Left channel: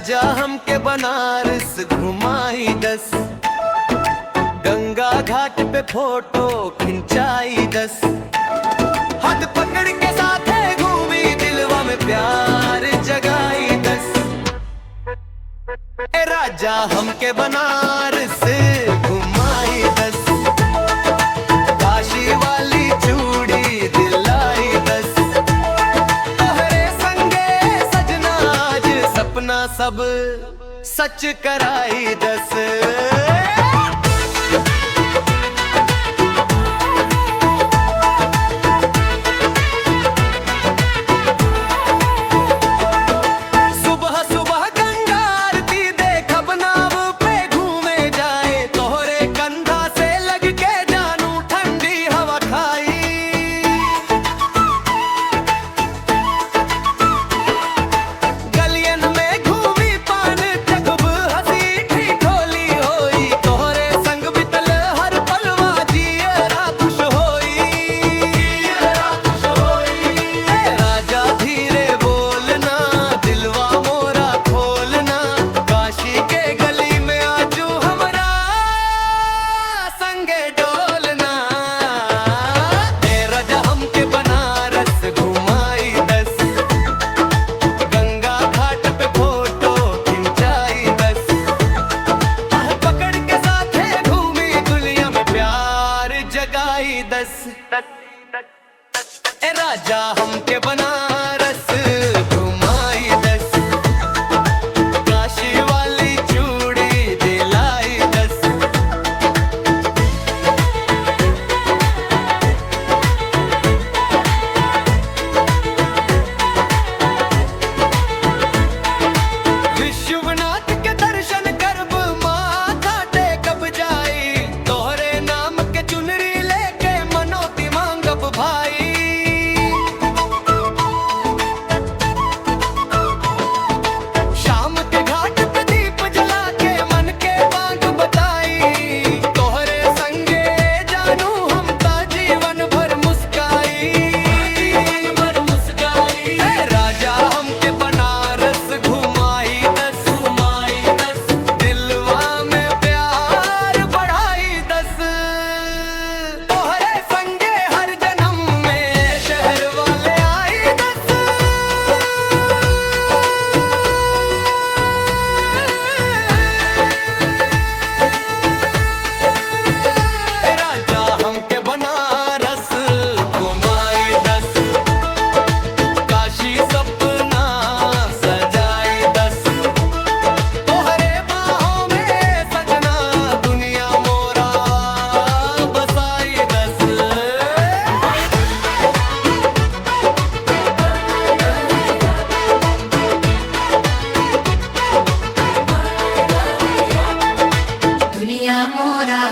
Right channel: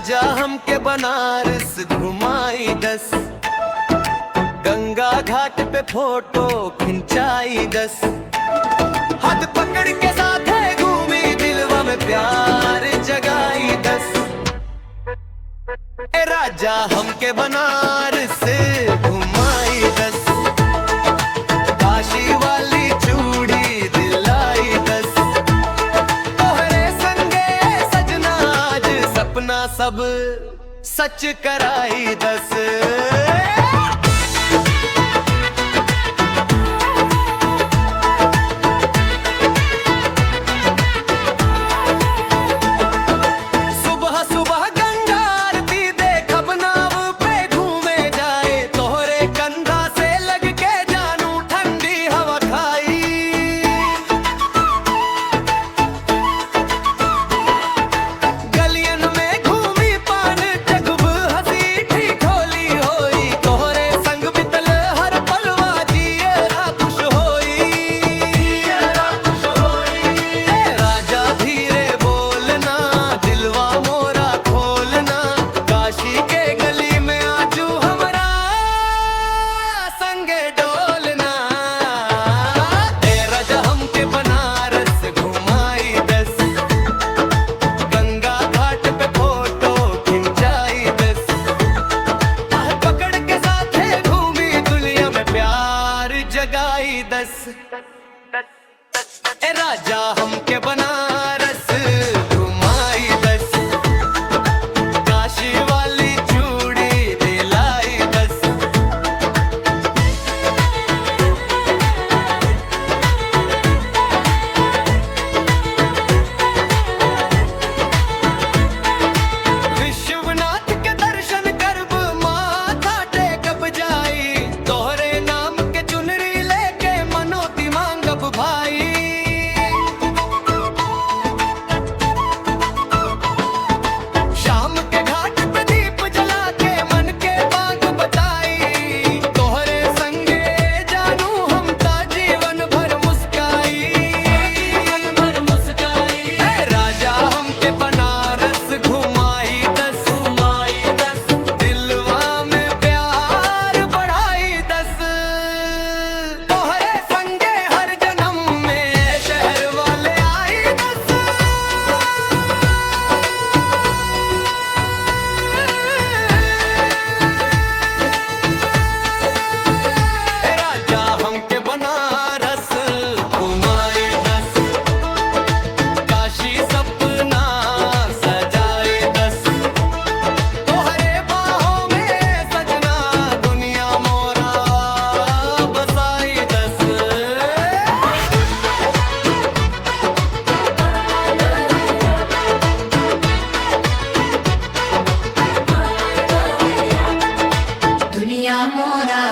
राजा हमके बनारस घुमाई दस, गंगा घाट पे फोटो खिंचाई दस, हाथ पकड़ के साथ घूमी दिलवा में प्यार जगाई दस। ए राजा हमके बनारस घुमाई दस, काशी वाली चूड़ी दिलाई दस, तोहरे संगे सजना आज सपना सब सच कराई दस। सुबह सुबह गंगा आरती देखब नाव पे घूमे जाए, तोहरे कंधा से लग के जानू ठंडी हवा खाई। गलियन में घूमी पान जगब हंसी ठिठोली होई, तोहरे संग बितल हर पलवा जियरा खुश होई। ए राजा धीरे बोलना दिलवा मोरा खोलना, काशी के गली में आजू हमरा संगे डोलना। ए राजा हमके बनारस घुमाई दस, गंगा घाट पे फोटो खिंचाई दस, हाथ पकड़ के साथे घूमी दुनिया में प्यार जगाई दस। ए राजा हमके बनारस घुमाई दस, काशी वाली चूड़ी दिलाई दस। विश्वनाथ के दर्शन करब माथा टेकब जाई, तोहरे नाम के चुनरी लेके मनोती मांगब भाई। शाम के घाट पे दीप जला के मन के मांग बताई, तोहरे संगे जानू हम ता जीवन भर मुस्काई। ए राजा हमके बनारस घुमाई दस, दिलवा में प्यार बढ़ाई दस, तोहरे संगे हर जन्म में शहर वाले आई दस। ए राजा हमके बनारस घुमाई दस, काशी सपना सजाई दस, तोहरे बाहों में सजना दुनिया मोरा बसाई दस। दुनिया मोरा